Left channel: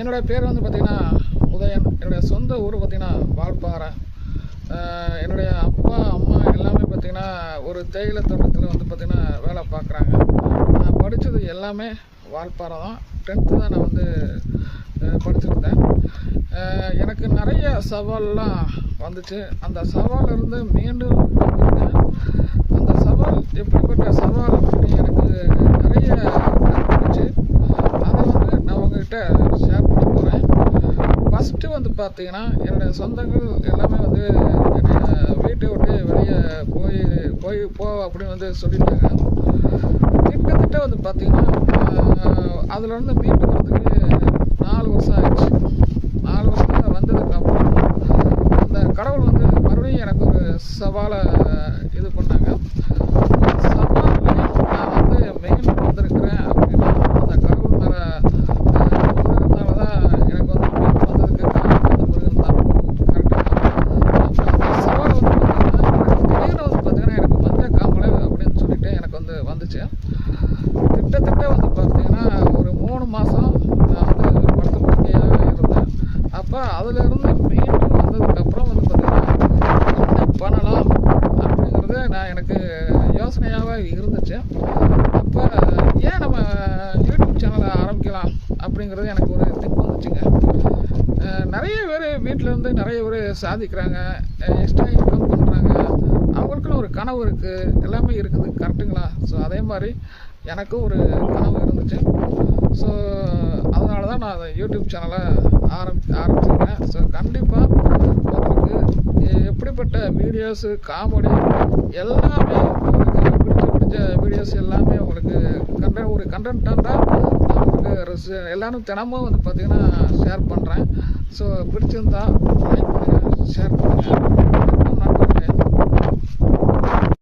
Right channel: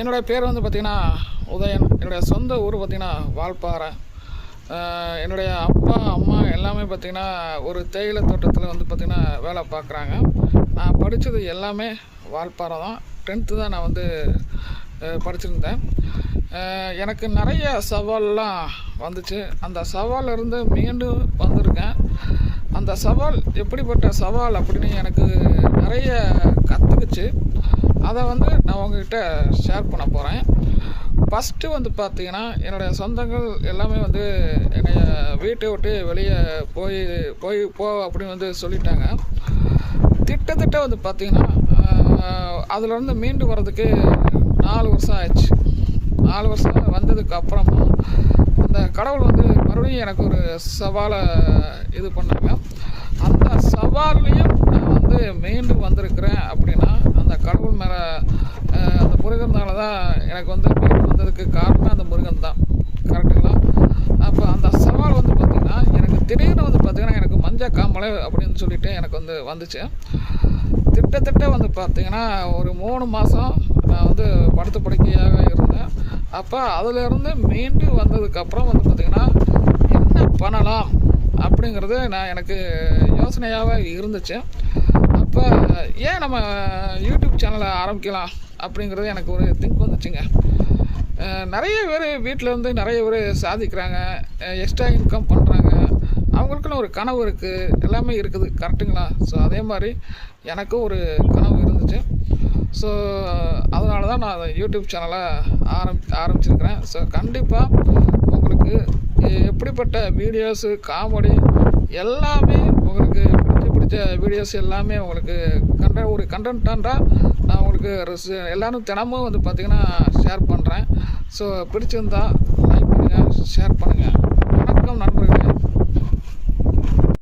என்னுடைய பேர் வந்து பார்த்திங்கன்னா உதயன். என்னுடைய சொந்த ஊர் பார்த்திங்கன்னா வால்பாறை. என்னுடைய அப்பா அம்மா எல்லாமே பார்த்திங்கன்னா ஒரு தேயிலை தோட்டத்தில் வந்து பார்த்திங்கன்னா வேலை பார்க்குறாங்க. நான் படித்தது எல்லாமே வால்பாறை தான். 10th தான் நான் வந்து படிச்சிருந்தேன். எனக்கு நிறைய சவால்லாம் வந்துச்சு. அந்த சவாலிருந்து மீண்டும் வந்திருக்கேன். அந்த சவால் எப்படிப்பட்ட சவால் அப்படின்னு எனக்கு நிறைய கற்றுக்குச்சு. அதை வந்து நான் உங்ககிட்ட ஷேர் பண்ண போகிறேன். ஃபஸ்ட்டு வந்து பார்த்திங்கன்னா என்னுடைய சொந்தங்கள் எல்லாமே வந்து என்னை வீட்டை விட்டு வெளியே போ அப்படின்னு வந்து சொல்லிட்டாங்க. திட்டத்திட்ட வந்து பார்த்திங்கன்னா அதிலேருந்து மீண்டு வர்றதுக்கு 4 வருஷம் ஆயிடுச்சு. 4 வருஷம் வந்ததுக்கப்புறம் அந்த கடவுள் வந்து மறுபடியும் எனக்கு ஒரு சவாலை இது பண்ணாங்க. அந்த சவால்லையும் நான் வந்து மீண்டும் வந்திருக்கிறேன் அப்படின்னா அந்த கடவுள் மேலே அந்த முருகனால தான் எனக்கு வந்து மீண்டும் வந்ததுக்கு காரணம் அந்த முருகன் தான். கரெக்டுங்களா? அப்போ அந்த சவால் வந்து பார்த்திங்கன்னா எனக்கு திடீர்னு வந்து பார்த்திங்கன்னா எனக்கு மஞ்சள் காமலை அப்படின்னு சொல்லிட்டு எனக்கு வந்து வந்துச்சு. திட்டத்திட்ட வந்து பார்த்திங்கன்னா ஒரு 3 மாதம் நான் வந்து படுத்த படுக்கையாக இருந்தேன். அப்போ அதிலேருந்து மீண்டு வந்ததுக்கப்புறம் வந்து பார்த்திங்கன்னா என்ன பண்ணலாம் அப்படிங்கிறது எனக்கு யோசனையாகவே இருந்துச்சு. அப்போ ஏன் நம்ம யூடியூப் சேனலை ஆரம்பிக்கலாம் அப்படிங்கிறது எனக்கு ஒரு திங்க் வந்துச்சுங்க. நிறைய பேர் வீட்டிலேருந்து நிறைய பேர் சாதிக்கிறாங்க, எக்ஸ்ட்ரா இன்கம் பண்ணுறாங்க. அவங்களுக்குன்னு ஒரு கனவு இருக்குது, எல்லாமே இருக்குது. கரெக்டுங்களா? ஸோ அதே மாதிரி எனக்கும் ஒரு கனவு இருந்துச்சு. ஸோ அதனால தான் நான் யூடியூப் சேனலை ஆரம்பிச்சிருக்கிறேன். ஸோ கண்டிப்பாக உங்களுக்கு எப்படிப்பட்ட வீடியோஸு, காமெடி எல்லாமே உங்களுக்கு பிடிச்ச வீடியோஸ் எல்லாமே உங்களுக்கு ஒரு கண்டென்ட்டாக நான் உங்களுக்கு எல்லோரும் தினமும் வந்து பார்த்திங்கன்னா ஷேர் பண்ணுறேன். ஸோ பிடிச்சிருந்தா லைக் பண்ணுங்கள், ஷேர் பண்ணுங்கள். வணக்கம்.